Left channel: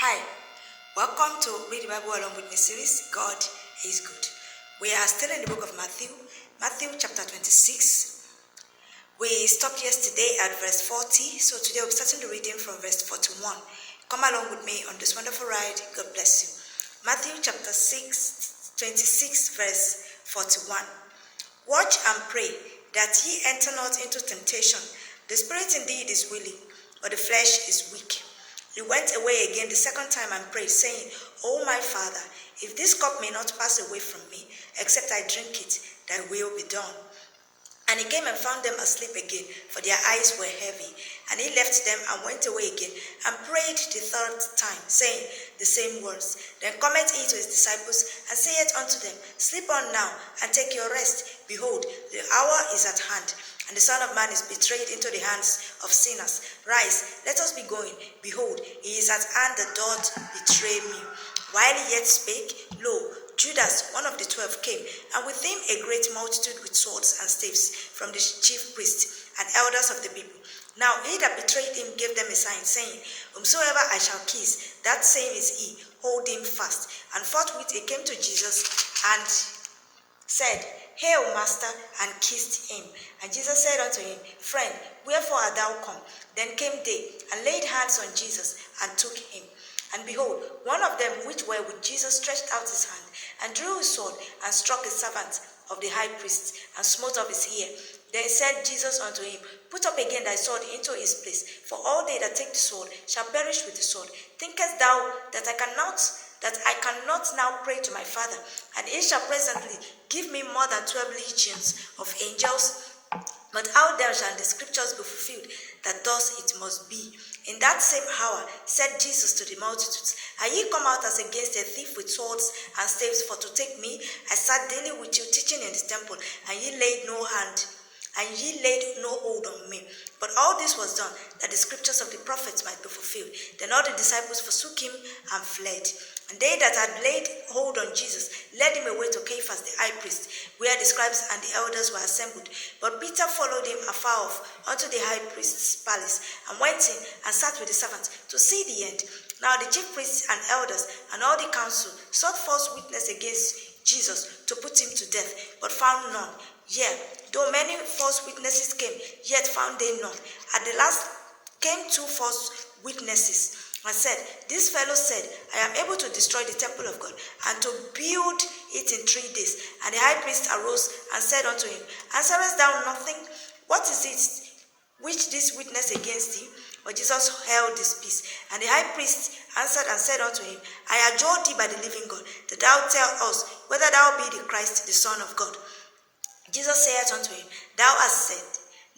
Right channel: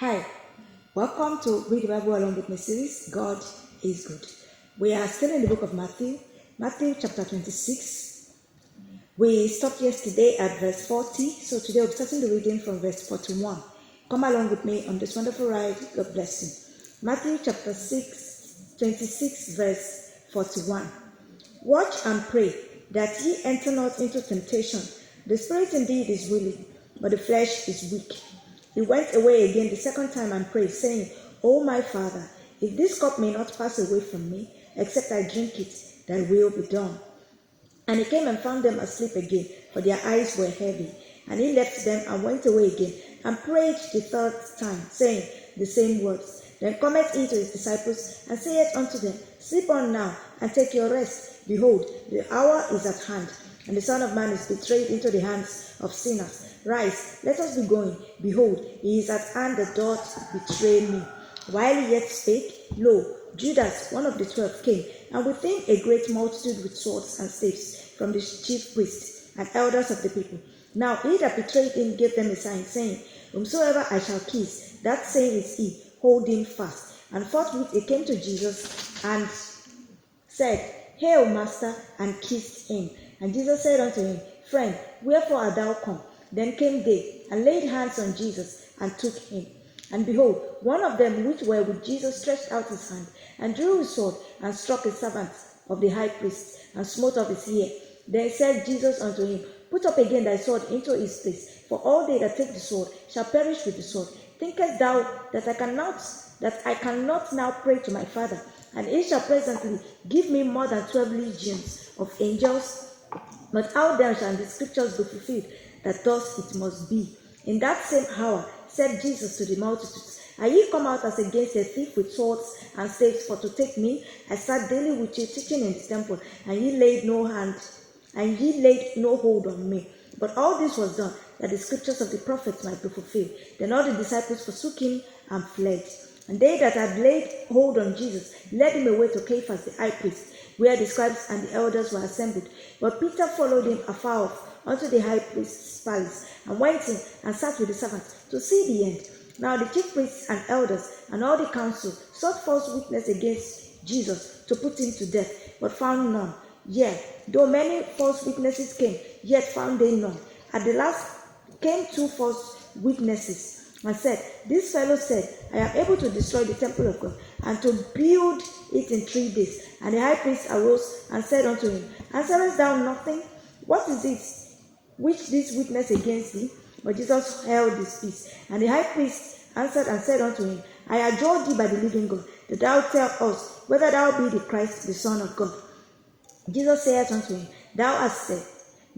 Hi, welcome to Read the Bible Along with Me series. God is good. We are still in the book of Matthew chapter 26. We stopped yesterday at verse 40, so today we'll be starting the reading from verse 41. Come along with me on this wonderful ride. God bless you. Matthew chapter 26, verse 41. Watch and pray that ye enter not into temptation. The spirit indeed is willing, but the flesh is weak. He went away again the second time and prayed, saying, O my Father, if this cup may not pass away from me, except I drink it, thy will be done. And he came and found them asleep again, for their eyes were heavy. And he left them and went away again, and prayed the third time, saying the same words. Then cometh he to his disciples, and saith unto them, Sleep on now, and take your rest. Behold, the hour is at hand, and the Son of Man is betrayed into the hands of sinners. Rise, let us be going. Behold, he is at hand that doth betray me. While he yet spake, lo, Judas, one of the 12, came, and with him a great multitude with swords and staves from the chief priests and elders of the people. Now he that betrayed him gave them a sign, saying, Whomsoever I shall kiss, that same is he, hold him fast. And forthwith he came to Jesus and said, Hail, Master, and kissed him. And Jesus said unto him, Friend, wherefore art thou come? Then came they, and laid hands on Jesus, and took him. And behold, one of them which were with Jesus stretched out his hand, and drew his sword, and struck a servant of the high priest, and smote off his ear. Then said Jesus unto him, Put up again thy sword into his place, for all they that take the sword shall perish with the sword. Thinkest thou that I cannot now pray to my Father, and he shall presently give me more than 12 legions of angels? But how then shall the scriptures be fulfilled, that thus it must be? In that same hour said Jesus to the multitudes, Are ye come out as against a thief with swords and staves for to take me? I sat daily with you teaching in the temple, and ye laid no hold on me. But all this was done, that the scriptures of the prophets might be fulfilled. Then all the disciples forsook him and fled. And they that had laid hold on Jesus led him away to Caiaphas the high priest, where the scribes and the elders were assembled. But Peter followed him afar off unto the high priest's palace, and went in and sat with the servants to see the end. Now the chief priests and elders and all the council sought false witness against Jesus to put him to death, but found none. Yea, though many false witnesses came, yet found they none. At the last came 2 false witnesses, and said, This fellow said, I am able to destroy the temple of God, and to build it in 3 days. And the high priest arose and said unto him, Answerest thou nothing? What is it which this witness against thee? But Jesus held his peace. And the high priest answered and said unto him, I adjure thee by the living God, that thou tell us whether thou be the Christ, the Son of God. Jesus saith unto him, Thou hast said.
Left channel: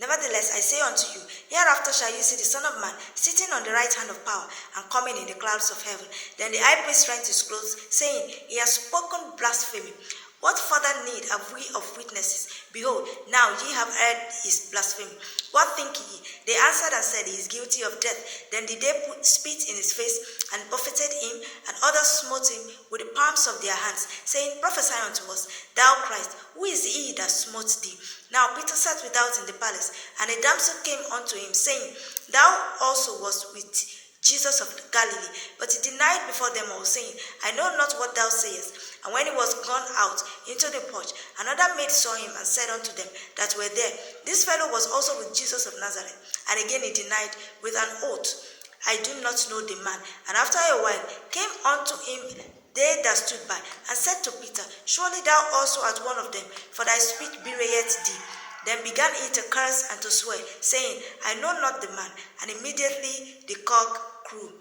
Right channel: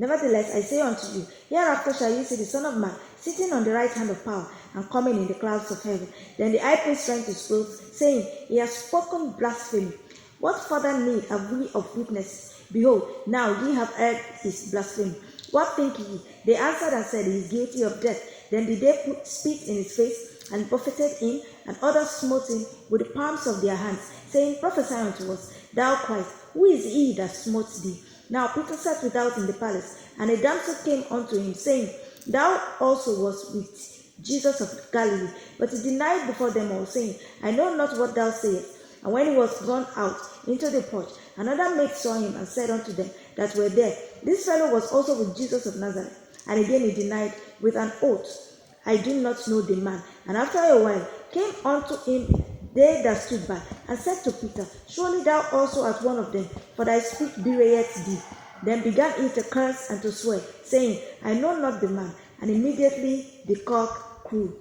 Nevertheless, I say unto you, hereafter shall you see the Son of Man sitting on the right hand of power, and coming in the clouds of heaven. Then the high priest rent his clothes, saying, He has spoken blasphemy. What further need have we of witnesses? Behold, now ye have heard his blasphemy. What think ye? They answered and said, He is guilty of death. Then did they spit in his face, and buffeted him, and others smote him with the palms of their hands, saying, Prophesy unto us, thou Christ, who is he that smote thee? Now Peter sat without in the palace, and a damsel came unto him, saying, Thou also wast with Jesus of Galilee. But he denied before them all, saying, I know not what thou sayest. And when he was gone out into the porch, another maid saw him, and said unto them that were there, This fellow was also with Jesus of Nazareth. And again he denied with an oath, I do not know the man. And after a while came unto him they that stood by, and said to Peter, Surely thou also art one of them, for thy speech bewrayeth thee. Then began he to curse and to swear, saying, I know not the man. And immediately the cock crew.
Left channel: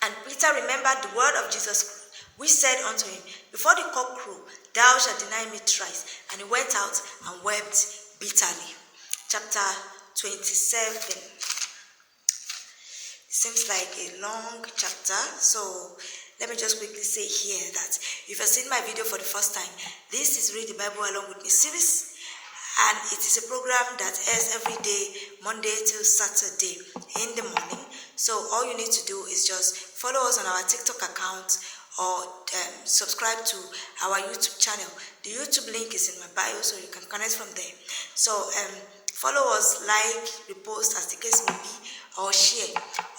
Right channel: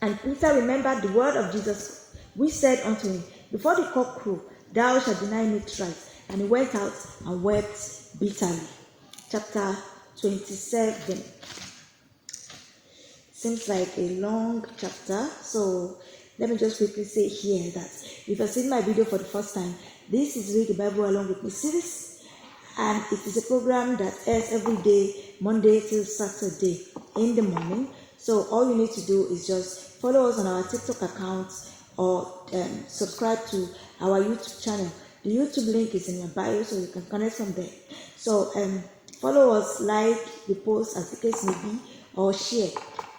And Peter remembered the word of Jesus, which said unto him, Before the cock crow, thou shalt deny me thrice. And he went out and wept bitterly. Chapter 27. Seems like a long chapter, so let me just quickly say here that if you've seen my video for the first time, this is Read the Bible Along with Me series, and it is a program that airs every day, Monday till Saturday in the morning. So all you need to do is just follow us on our TikTok account, or subscribe to our YouTube channel. The YouTube link is in my bio, so you can connect from there. So Follow us, like, repost as the case may be, or share.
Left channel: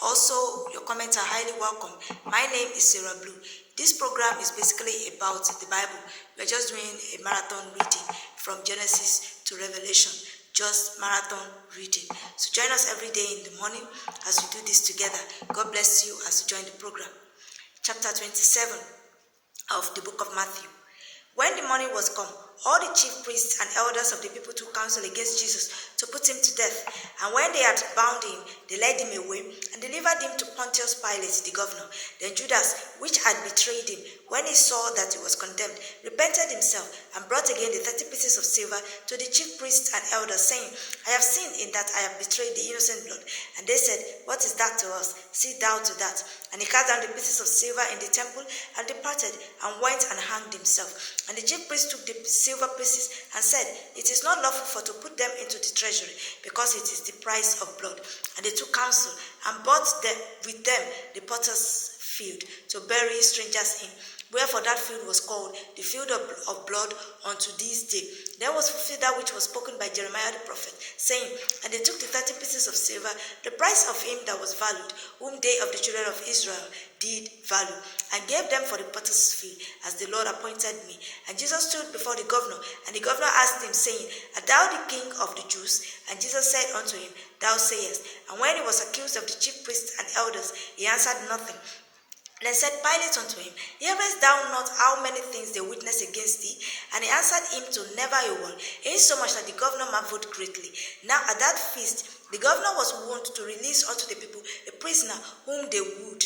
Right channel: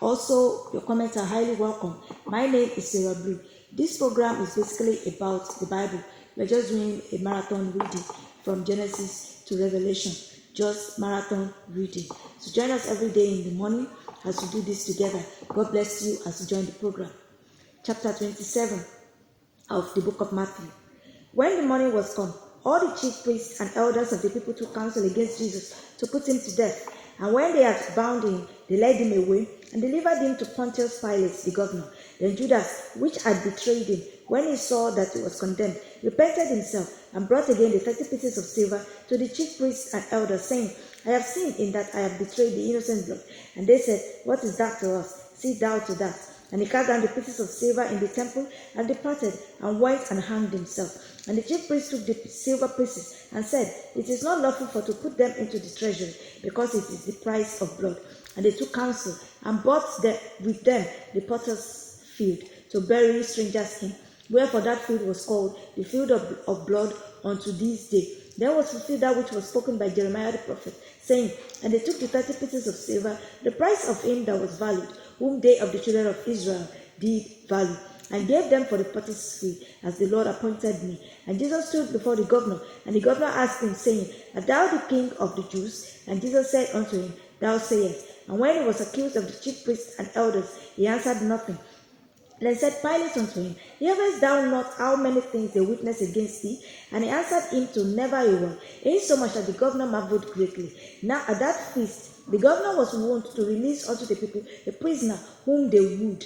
Also, your comments are highly welcome. My name is Sarah Blue. This program is basically about the Bible. We're just doing a marathon reading from Genesis to Revelation. Just marathon reading. So join us every day in the morning as we do this together. God bless you as you join the program. Chapter 27 of the book of Matthew. When the morning was come, all the chief priests and elders of the people took counsel against Jesus to put him to death. And when they had bound him, they led him away and delivered him to Pontius Pilate, the governor. Then Judas, which had betrayed him, when he saw that he was condemned, repented himself and brought again the 30 pieces of silver to the chief priests and elders, saying, I have sinned in that I have betrayed the innocent blood. And they said, What is that to us? See thou to that. And he cast down the pieces of silver in the temple and departed and went and hanged himself. And the chief priest took the silver pieces and said, It is not lawful for to put them into the treasury, because it is the price of blood. And they took counsel and bought with them the potter's field to bury strangers in. Wherefore that field was called the field of blood unto this day. Then was fulfilled that which was spoken by Jeremiah the prophet, saying, And they took the 30 pieces of silver, the price of him that was valued, whom they of the children of Israel did value, and gave them for the potter's field, as the Lord appointed me. And Jesus stood before the governor, and the governor asked him, saying, Art thou the king of the Jews? And Jesus said unto him, Thou sayest. And when he was accused of the chief priests and elders, he answered nothing. Then said Pilate unto him, Hearest thou not how many things they witness against thee? And he answered him to never a word, insomuch that the governor marveled greatly. Now at that feast the governor was wont to release unto the people a prisoner whom they would.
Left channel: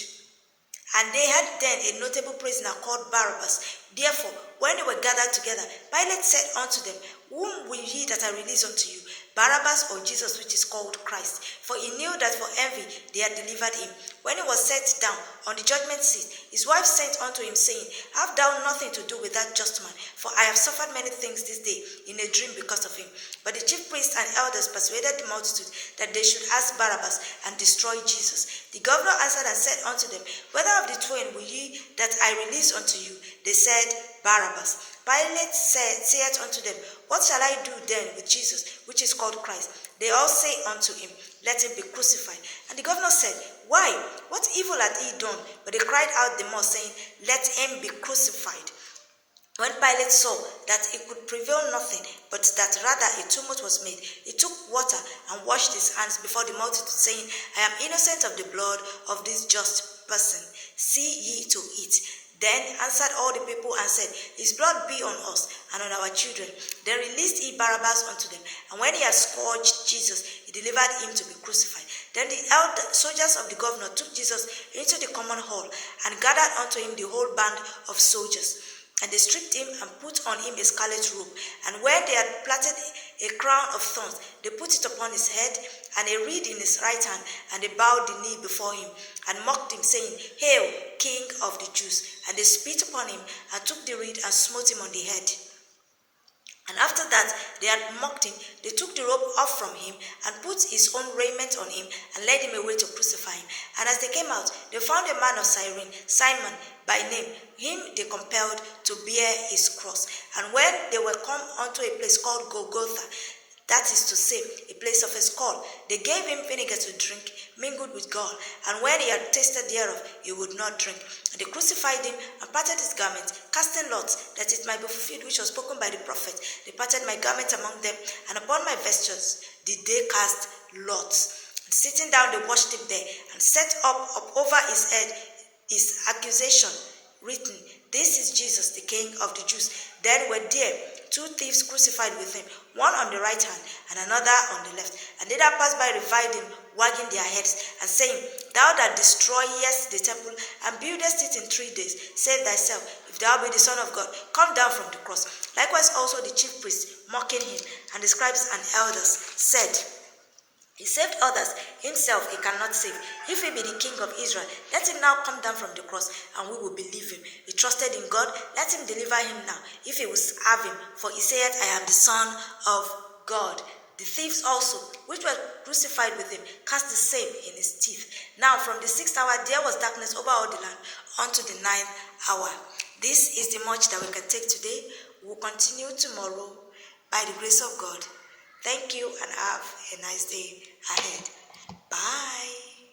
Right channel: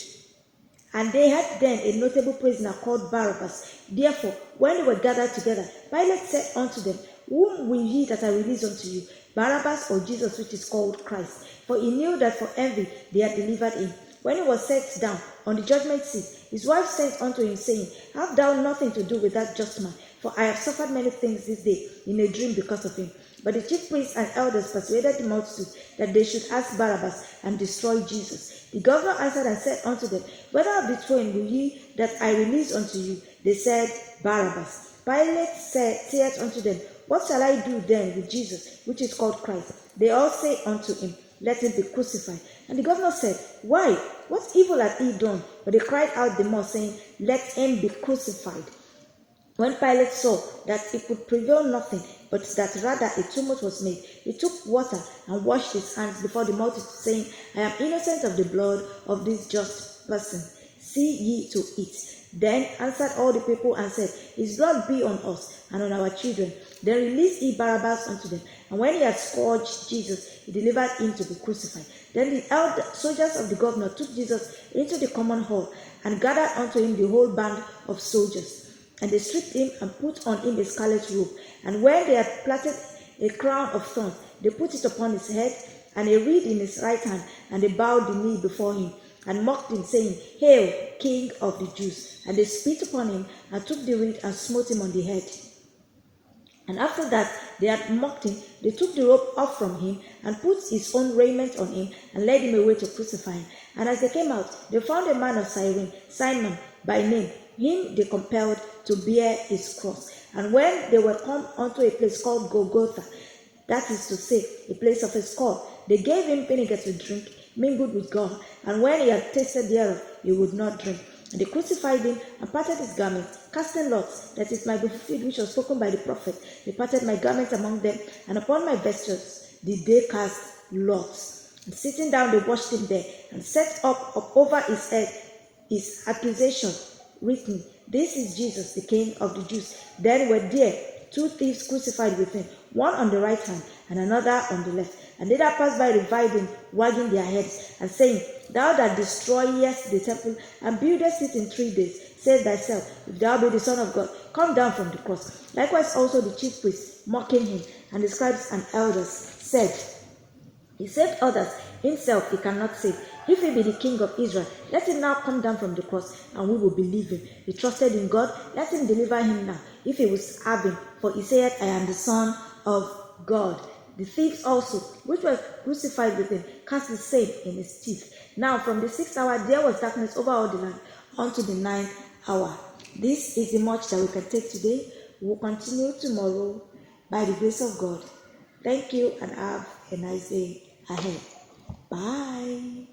And they had then a notable prisoner called Barabbas. Therefore, when they were gathered together, Pilate said unto them, Whom will ye that I release unto you, Barabbas or Jesus, which is called Christ? For he knew that for envy they had delivered him. When he was set down on the judgment seat, his wife sent unto him, saying, Have thou nothing to do with that just man? For I have suffered many things this day in a dream because of him. But the chief priests and elders persuaded the multitude that they should ask Barabbas and destroy Jesus. The governor answered and said unto them, Whether of the twain will ye that I release unto you? They said, Barabbas. Pilate saith unto them, What shall I do then with Jesus, which is called Christ? They all say unto him, Let him be crucified. And the governor said, Why? What evil hath he done? But they cried out the more, saying, Let him be crucified. When Pilate saw that he could prevail nothing, but that rather a tumult was made, he took water and washed his hands before the multitude, saying, I am innocent of the blood of this just person. See ye to it. Then answered all the people and said, His blood be on us and on our children. Then released he Barabbas unto them. And when he had scourged Jesus, he delivered him to be crucified. Then the soldiers of the governor took Jesus into the common hall and gathered unto him the whole band of soldiers. And they stripped him and put on him a scarlet robe. And when they had plaited a crown of thorns, they put it upon his head, and a reed in his right hand, and they bowed the knee before him, and mocked him, saying, Hail, King of the Jews! And they spit upon him, and took the reed, and smote him on the head. And after that they had mocked him, they took the robe off from him, and put his own raiment on him, and led him away to crucify him. And as they came out, they found a man of Cyrene, Simon by name. Him they compelled to bear his cross. And when they were come unto a place called Golgotha, that is to say, a place of a skull, they gave him vinegar to drink, mingled with gall. And when he had tasted thereof, he would not drink. And they crucified him, and parted his garment, casting lots, that it might be fulfilled which was spoken by the prophet. They parted my garment among them, and upon my vestures did they cast lots. And sitting down, they washed him there, and set up over his head his accusation, written, This is Jesus, the King of the Jews. Then were there 2 thieves crucified with him, one on the right hand and another on the left. And they that passed by reviled him, wagging their heads, and saying, Thou that destroyest the temple and buildest it in 3 days, save thyself. If thou be the Son of God, come down from the cross. Likewise also the chief priests, mocking him, and the scribes and elders, said, He saved others, himself he cannot save. If he be the King of Israel, let him now come down from the cross, and we will believe him. He trusted in God, let him deliver him now, if he will have him. For he saith, I am the Son of God. The thieves also, which were crucified with him, cast the same in his teeth. Now from the 6th hour there was darkness over all the land, unto the 9th hour. This is the much that we can take today. We will continue tomorrow by the grace of God. Thank you and have a nice day ahead. Bye.